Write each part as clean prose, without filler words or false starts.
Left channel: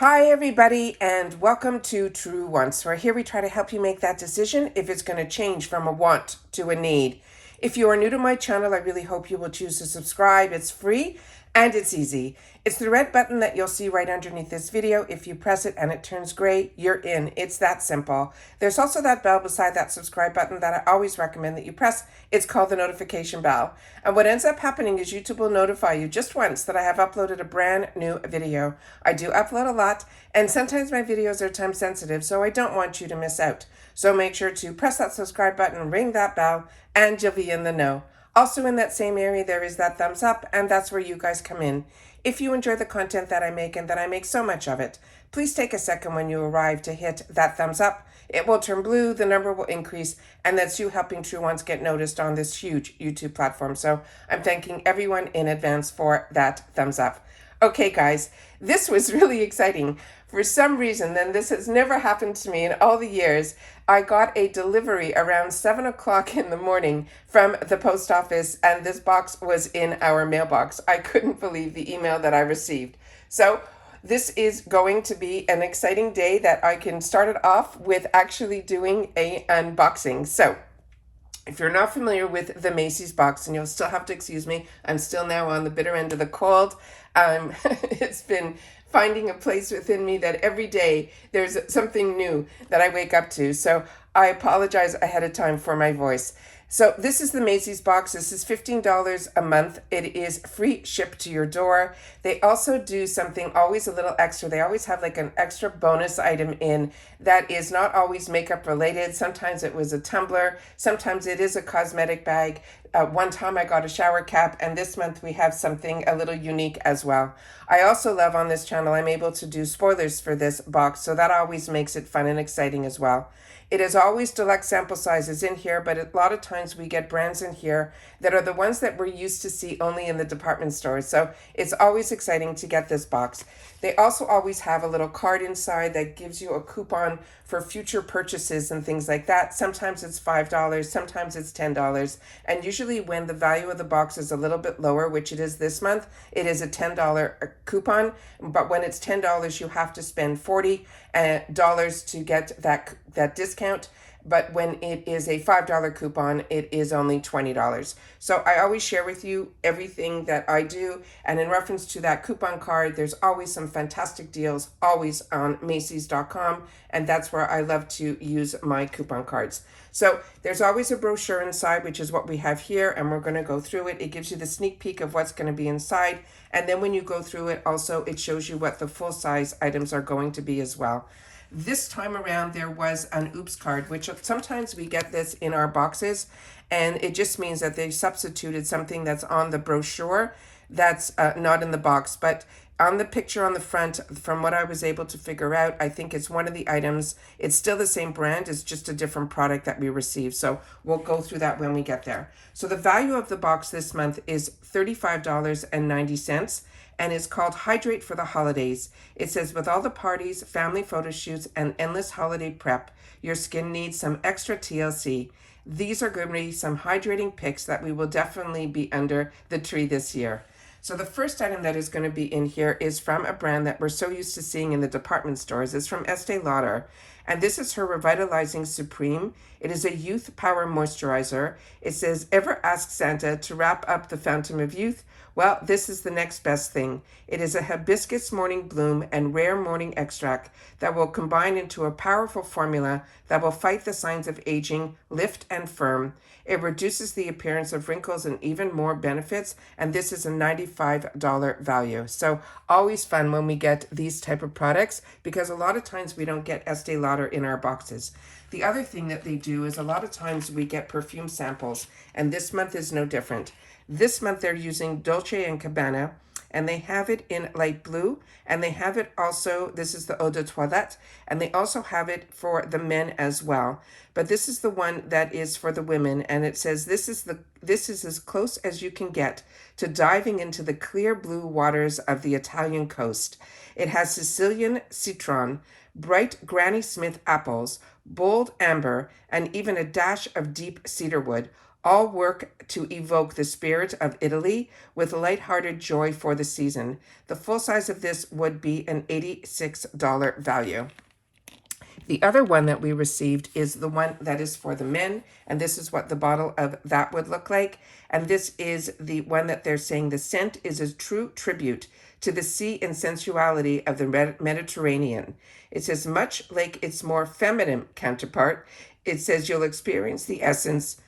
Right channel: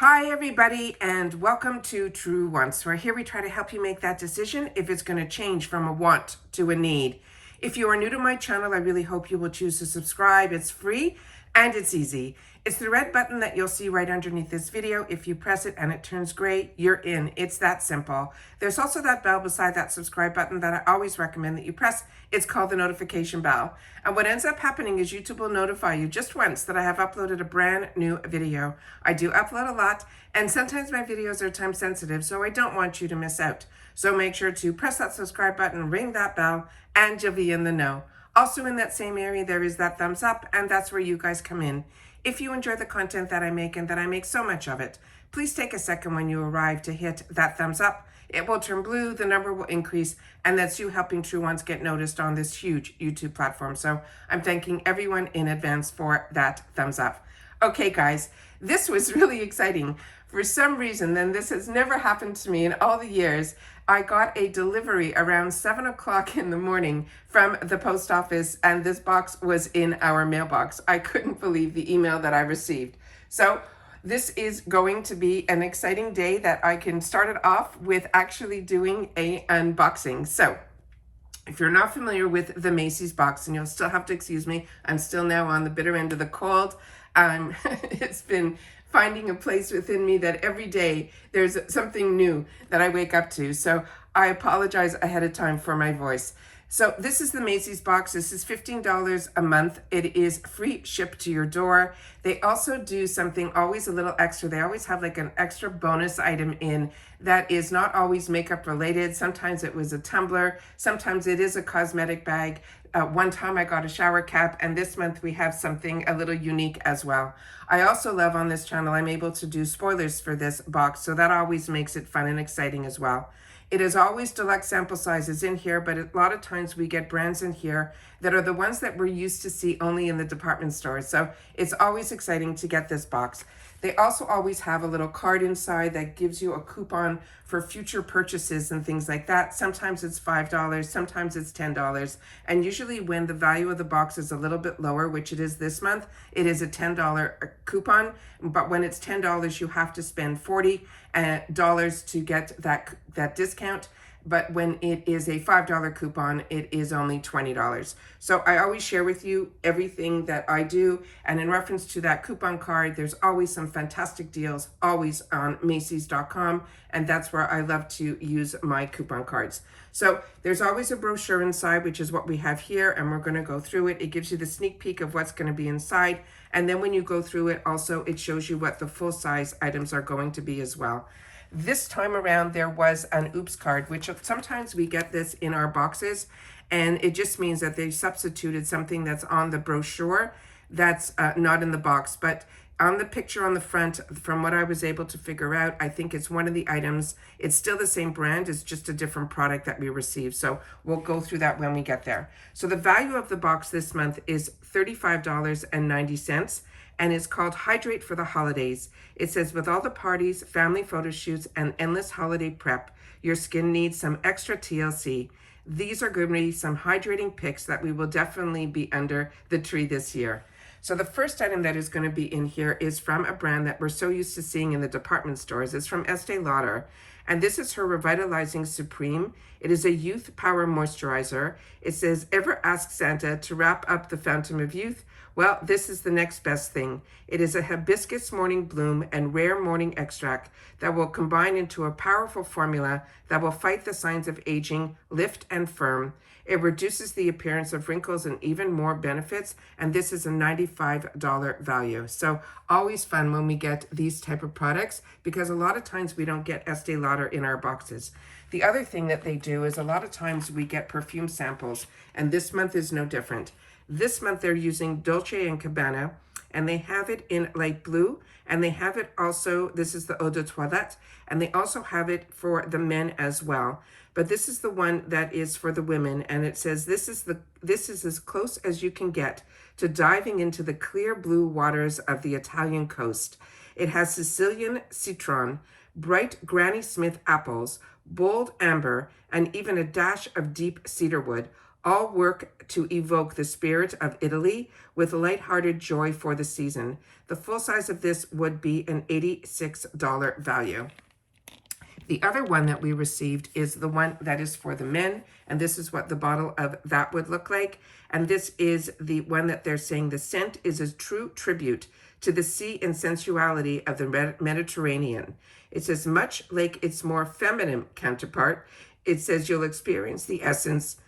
Hi everybody and welcome to True Wants, where here we try to help you make that decision if it's going to change from a want to a need. If you are new to my channel, I really hope you will choose to subscribe. It's free and it's easy. It's the red button that you'll see right underneath this video. If you press it and it turns gray, you're in. It's that simple. There's also that bell beside that subscribe button that I always recommend that you press. It's called the notification bell. And what ends up happening is YouTube will notify you just once that I have uploaded a brand new video. I do upload a lot, and sometimes my videos are time sensitive, so I don't want you to miss out. So make sure to press that subscribe button, ring that bell, and you'll be in the know. Also in that same area, there is that thumbs up, and that's where you guys come in. If you enjoy the content that I make and that I make so much of it, please take a second when you arrive to hit that thumbs up. It will turn blue, the number will increase, and that's you helping True Ones get noticed on this huge YouTube platform. So I'm thanking everyone in advance for that thumbs up. Okay, guys, this was really exciting. For some reason, and this has never happened to me in all the years, I got a delivery around 7 o'clock in the morning from the post office, and this box was in our mailbox. I couldn't believe the email that I received. So this is going to be an exciting day that I can start it off with actually doing a unboxing. So if you're not familiar with the MACYS box, and you'll still have to excuse me, I'm still now on the bitter end of the cold. It's been finding a place within me that every day there's something new that I wake up to. So I apologize ahead of time for my voice. So this is the MACYS box. This is $15 a month. It is free ship to your door. They also do something always a little extra. They always have like an extra bonus item in that is not always makeup related. Sometimes it was a tumbler. Sometimes it is a cosmetic bag. One time I got a shower cap, and this month we have something a little unique as well. I also love on this channel, I'm able to do spoilers for this box, so that always makes it fun and exciting as well. It is always deluxe sample sizes in here, but a lot of times we get brands in here that are the ones that we're used to see only in the department stores. So it's always exciting to get this box. They also always have a little card inside that gives you a coupon for future purchases and things like that. Sometimes it's $5, sometimes it's $10. And usually when the value of the box is a little bit lower, which it is this month, it is a $10 coupon. But when it's $10, you have to spend $40 to get that discount. But when it is a $5 coupon, it is only $20. So I always share with you everything that I do. And in reference to that coupon card, there's always some fantastic deals, always on MACYS.com. And that's where I love to use my coupon cards. So there's always a brochure inside, which is what we have here. And we're going to go through it. It gives you the sneak peek of what's going to be inside. And then when you go through it, also, it shows you what the full size items are going to be as well. This time around, there was an oops card, which sometimes we get this in our boxes, and it just means that they substituted something that's on the brochure that's not in the box. But on the picture on the front, from what I was able to figure out, I think it's one of the items. It's still the same brand, it's just a different product that we received. So we'll go through that when we get there. So the value of the box this month is $35.90. And it's called Hydrate for the Holidays. It says, with all the parties, family photo shoots, and endless holiday prep, your skin needs some extra TLC. These are going to be some hydrating picks that we will definitely be under the tree this year. So the first item that is going to be in here is from a brand that we're so used to seeing in the department stores. It's from Estee Lauder. And this is her Revitalizing Supreme. It is a youth power moisturizer. It says, ever ask Santa to wrap up the fountain of youth? Well, this is the next best thing. It is a hibiscus morning bloom and rare morning extract that will combine into a powerful formula that will fight the signs of aging, lift and firm. It reduces the appearance of wrinkles and even more benefits, and this is a $95 value. So always fun when we get these type of products, because a lot of times we don't get Estee Lauder in our boxes. The other thing that they do is a lot of times we get perfume samples, and this month is no different. This month they're using Dolce & Gabbana, and they have it in light blue, and they have it also, this is the Eau de Toilette, and they also have it for the men as well. But this is the one that is for the women, and it says this is as close as you can get to diving into the clear blue waters of the Italian coast. It has Sicilian citron, bright Granny Smith apples, bold amber, and even a dash of deep cedarwood, All work to evoke the spirit of Italy with lighthearted joy for the season. The full size of this would be an $86 value. The other one that we received is the one that is for the men, and this is what the bottle of that would look like. And this is the one that they're saying the scent is a true tribute to the sea and sensuality of the Mediterranean. It says, much like its more feminine counterpart, it says you'll experience the essence,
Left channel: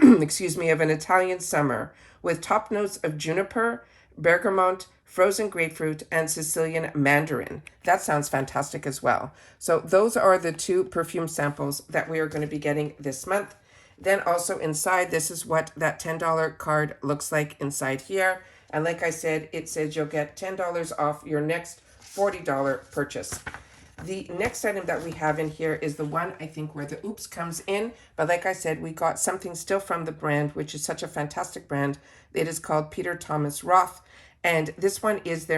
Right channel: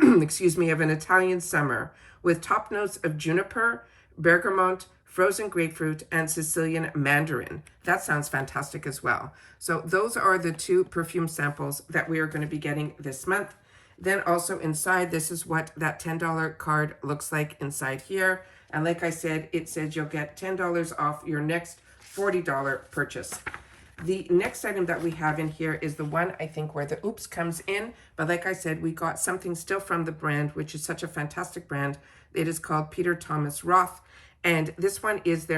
excuse me, of an Italian summer with top notes of juniper, bergamot, frozen grapefruit, and Sicilian mandarin. That sounds fantastic as well. So those are the two perfume samples that we are going to be getting this month. Then also inside, this is what that $10 card looks like inside here. And like I said, it says you'll get $10 off your next $40 purchase. The next item that we have in here is the one, I think, where the Oops comes in. But like I said, we got something still from the brand, which is such a fantastic brand. It is called Peter Thomas Roth. And this one is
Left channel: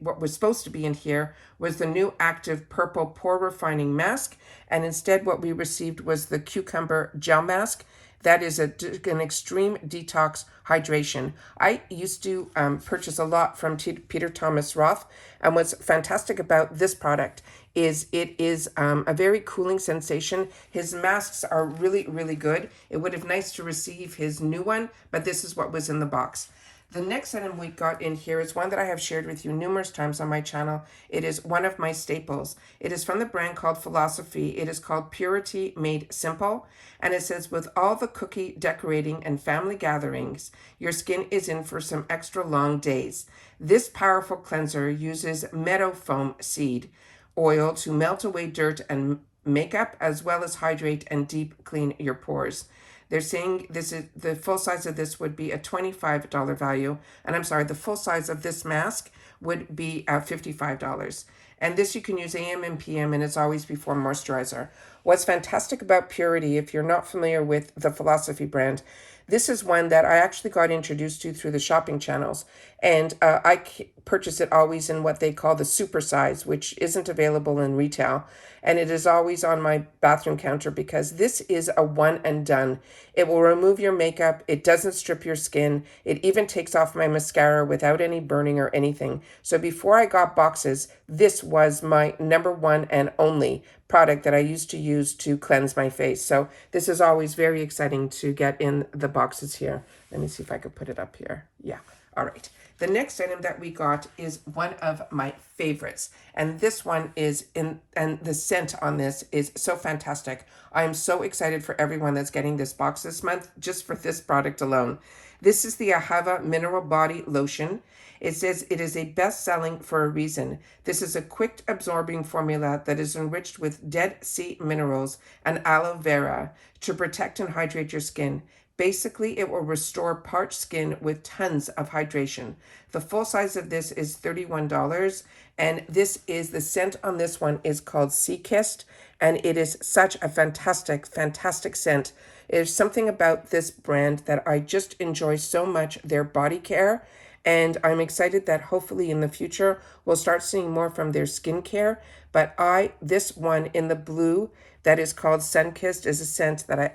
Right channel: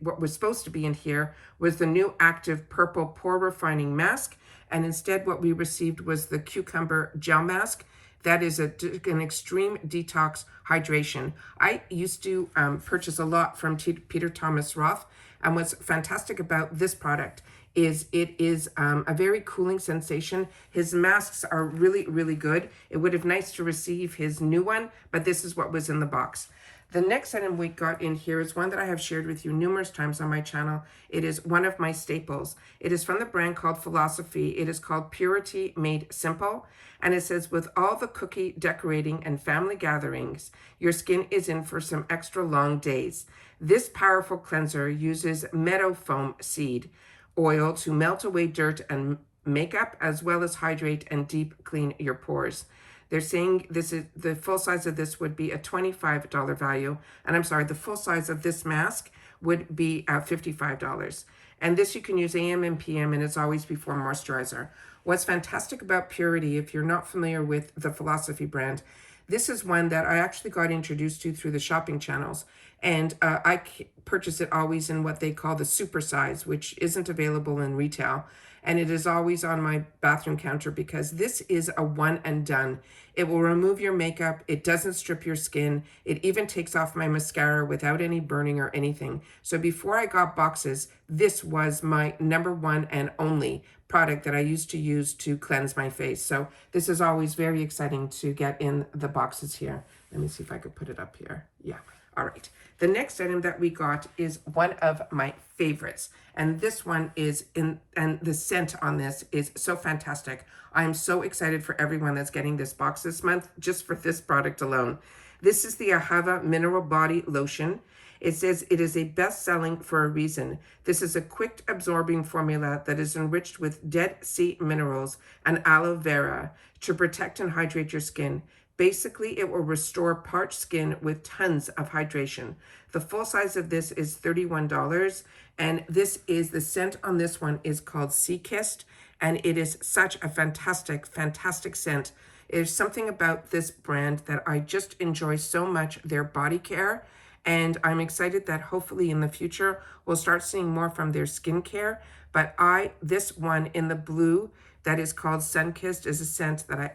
what was supposed to be in here was the new active purple pore refining mask. And instead what we received was the cucumber gel mask. That is an extreme detox hydration. I used to purchase a lot from Peter Thomas Roth. And what's fantastic about this product is it is a very cooling sensation. His masks are really, really good. It would have been nice to receive his new one, but this is what was in the box. The next item we got in here is one that I have shared with you numerous times on my channel. It is one of my staples. It is from the brand called Philosophy. It is called Purity Made Simple. And it says, with all the cookie decorating and family gatherings, your skin is in for some extra long days. This powerful cleanser uses meadow foam seed oil to melt away dirt and makeup, as well as hydrate and deep clean your pores. They're saying this is the full size of this would be a $25 value. And I'm sorry, the full size of this mask would be $55. And this you can use AM and PM, and it's always before moisturizer. What's fantastic about Purity, if you're not familiar with the Philosophy brand, this is one that I actually got introduced to through the shopping channels. And I purchase it always in what they call the super size, which isn't available in retail. And it is always on my bathroom counter because this is a one and done. It will remove your makeup. It doesn't strip your skin. It even takes off my mascara without any burning or anything. So before I got boxes, this was my number one and only product that I used to use to cleanse my face. So this is always very exciting to get in the boxes here. Let me see if I could put it up here. Yeah. All right. The next item that we got is one of my favorites. And this one is and the scent on this is so fantastic. I am so excited for everyone that's getting this box this month, just for this product alone. This is the Ahava Mineral Body Lotion. It says it is a best-selling for a reason. This is a quick absorbing formula that is enriched with Dead Sea minerals and aloe vera to protect and hydrate your skin. Basically, it will restore parched skin with tons of hydration. The full size of this is $31, and this is the scent on this one is called Sea Kissed, and it is such a fantastic, fantastic scent. There's something about this brand that I just enjoy so much, their body care, and I'm excited that hopefully in the future we'll start seeing more from their skincare. But this one in the blue that is called Sunkissed is a scent that I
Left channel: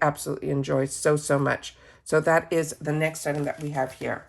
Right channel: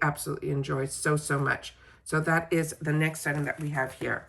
absolutely enjoy so much. So that is the next item that we have here.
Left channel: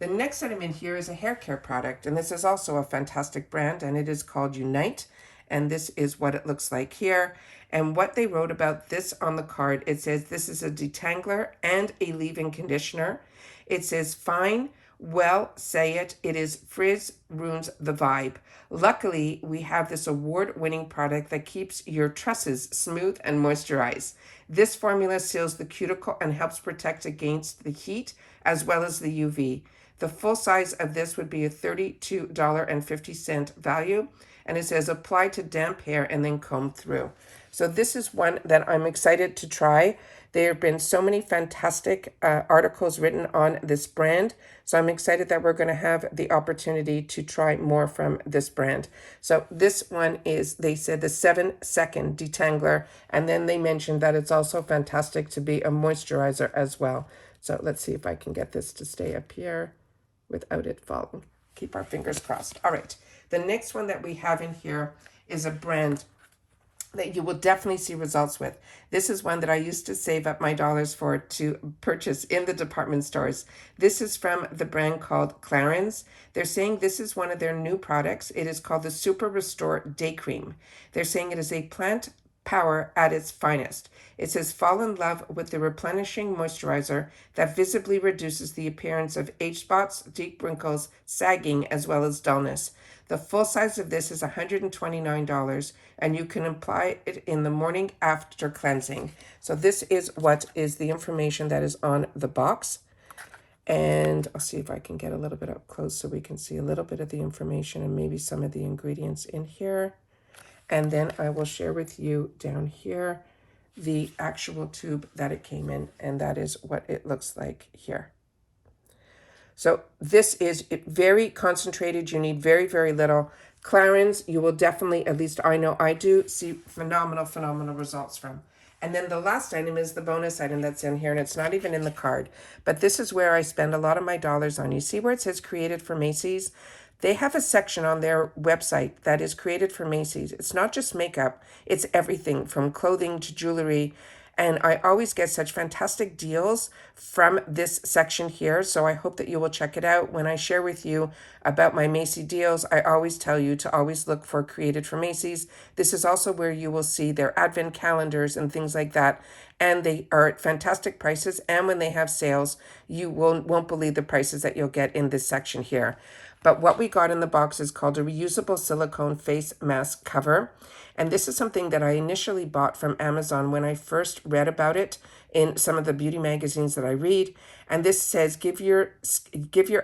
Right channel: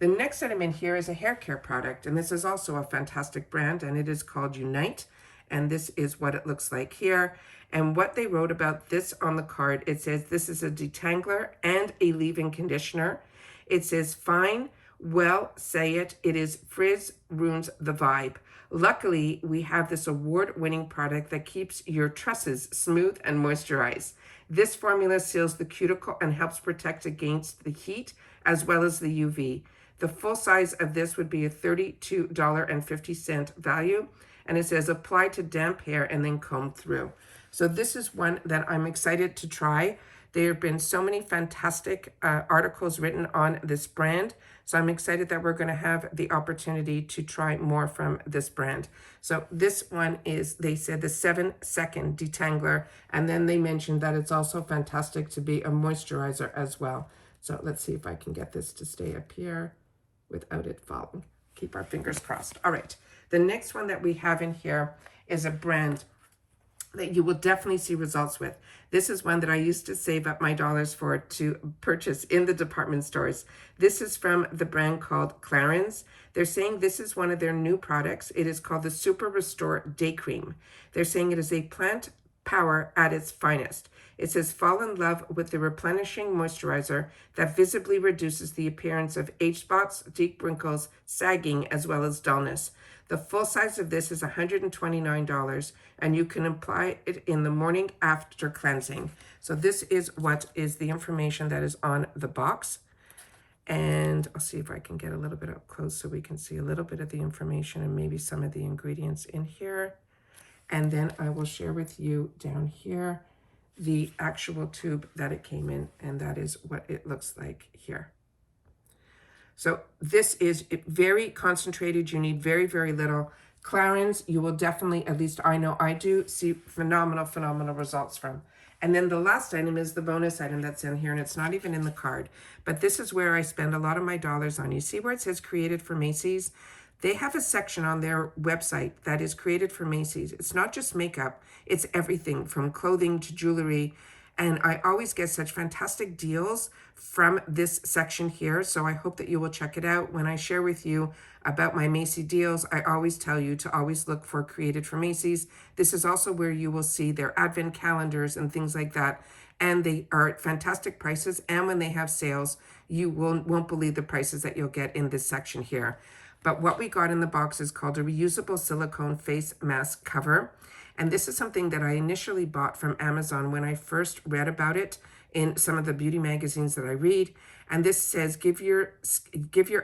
The next item in here is a hair care product, and this is also a fantastic brand, and it is called Unite, and this is what it looks like here. And what they wrote about this on the card, it says this is a detangler and a leave-in conditioner. It says fine, well, say it is frizz ruins the vibe. Luckily, we have this award-winning product that keeps your tresses smooth and moisturized. This formula seals the cuticle and helps protect against the heat as well as the UV. The full size of this would be a $32.50 value, and it says apply to damp hair and then comb through. So this is one that I'm excited to try. There have been so many fantastic articles written on this brand. So I'm excited that we're going to have the opportunity to try more from this brand. So this one is, they said, the 7-second detangler. And then they mentioned that it's also fantastic to be a moisturizer as well. So let's see if I can get this to stay up here without it falling. Keep our fingers crossed. All right. The next one that we have in here is a brand that you will definitely see results with. This is one that I used to save up my dollars for to purchase in the department stores. This is from the brand called Clarins. They're saying this is one of their new products. It is called the Super Restore Day Cream. They're saying it is a plant power at its finest. It says fall in love with the replenishing moisturizer that visibly reduces the appearance of age spots, deep wrinkles, sagging, as well as dullness. The full size of this is $129, and you can apply it in the morning after cleansing. So this is what is the information that is on the box. And I'll see if I can get a little bit up close so we can see a little bit of the information and maybe some of the ingredients in here. And then I will share with you down here the actual tube that it came in, and that is what it looks like here. So this is very concentrated. You need very, very little. Clarins, you will definitely, at least I know I do, see phenomenal results from. And then the last item is the bonus item that's in here, and it's not even in the card. But this is where I spend a lot of my dollars on. You see where it says created for MACYS? They have a section on their website that is created for MACYS. It's not just makeup. It's everything from clothing to jewelry. And I always get such fantastic deals from this section here. So I hope that you will check it out. When I share with you about my Macy's deals, I always tell you to always look for Created for Macy's. This is also where you will see their advent calendars and things like that. And they are at fantastic prices. And when they have sales, you won't believe the prices that you'll get in this section here. But what we got in the box is called a reusable silicone face mask cover. And this is something that I initially bought from Amazon when I first read about it in some of the beauty magazines that I read. And this says, give your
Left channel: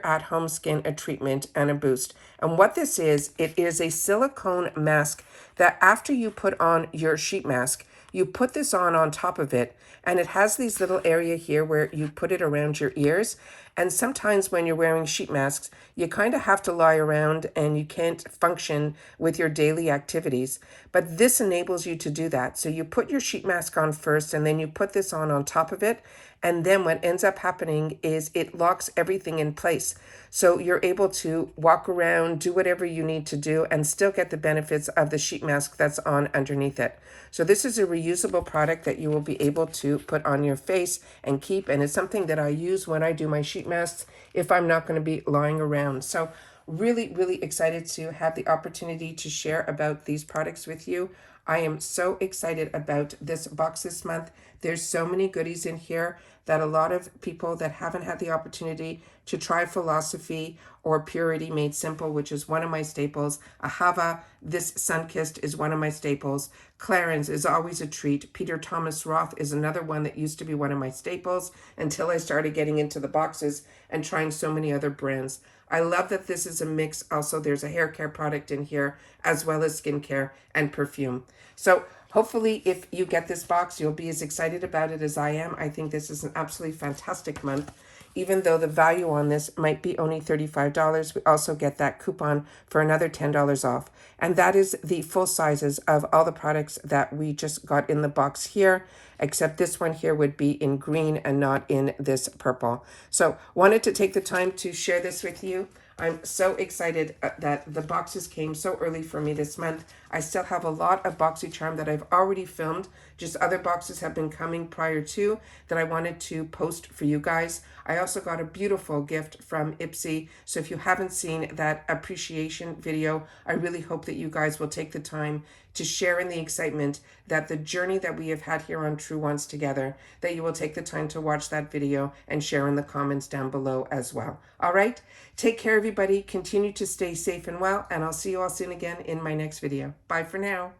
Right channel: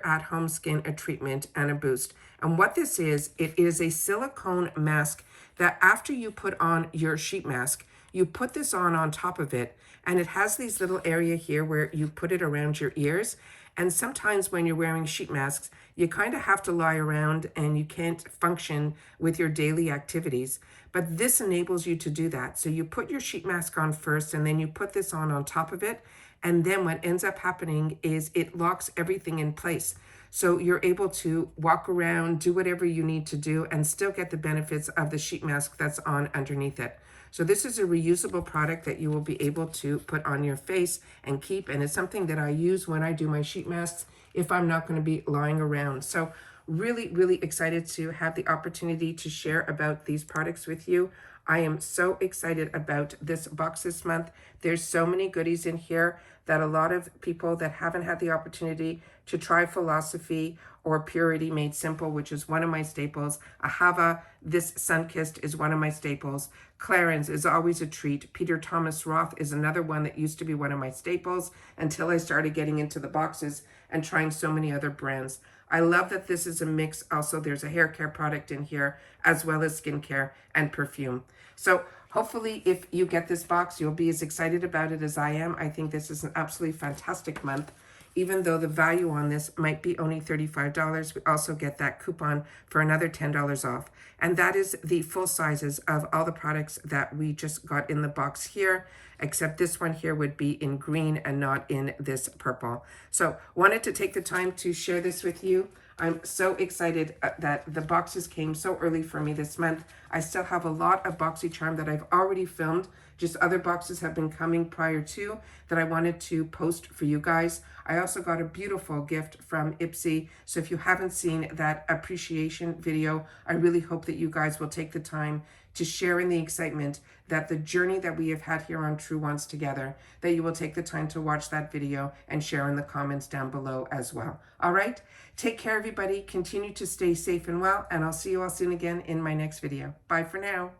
at-home skin a treatment and a boost. And what this is, it is a silicone mask that after you put on your sheet mask, you put this on top of it. And it has these little area here where you put it around your ears. And sometimes when you're wearing sheet masks, you kind of have to lie around and you can't function with your daily activities. But this enables you to do that. So you put your sheet mask on first, and then you put this on top of it. And then what ends up happening is it locks everything in place. So you're able to walk around, do whatever you need to do, and still get the benefits of the sheet mask that's on underneath it. So this is a reusable product that you will be able to put on your face and keep. And it's something that I use when I do my sheet masks if I'm not going to be lying around. So really excited to have the opportunity to share about these products with you. I am so excited about this box this month. There's so many goodies in here that a lot of people that haven't had the opportunity to try Philosophy or Purity Made Simple, which is one of my staples. Ahava, this Sunkissed is one of my staples. Clarins is always a treat. Peter Thomas Roth is another one that used to be one of my staples until I started getting into the boxes and trying so many other brands. I love that this is a mix. Also, there's a hair care product in here, as well as skincare and perfume. So hopefully if you get this box, you'll be as excited about it as I am. I think this is an absolutely fantastic month. Even though the value on this might be only $35, we also get that coupon for another $10 off. And that is the full sizes of all the products that we just got in the box here, except this one here would be in green and not in this purple. So wanted to take the time to share this with you. I'm so excited that the boxes came so early for me this month. I still have a lot of BoxyCharm that I've already filmed. Just other boxes have been coming prior to that I wanted to post for you guys. I also got a beautiful gift from Ipsy. So if you haven't seen that appreciation video, I really hope that you guys will take the time to share in the excitement that the journey that we have had here on True Ones together, that you will take the time to watch that video and share in the comments down below as well. All right, take care everybody, continue to stay safe and well, and I'll see you all soon again in my next video. Bye for now.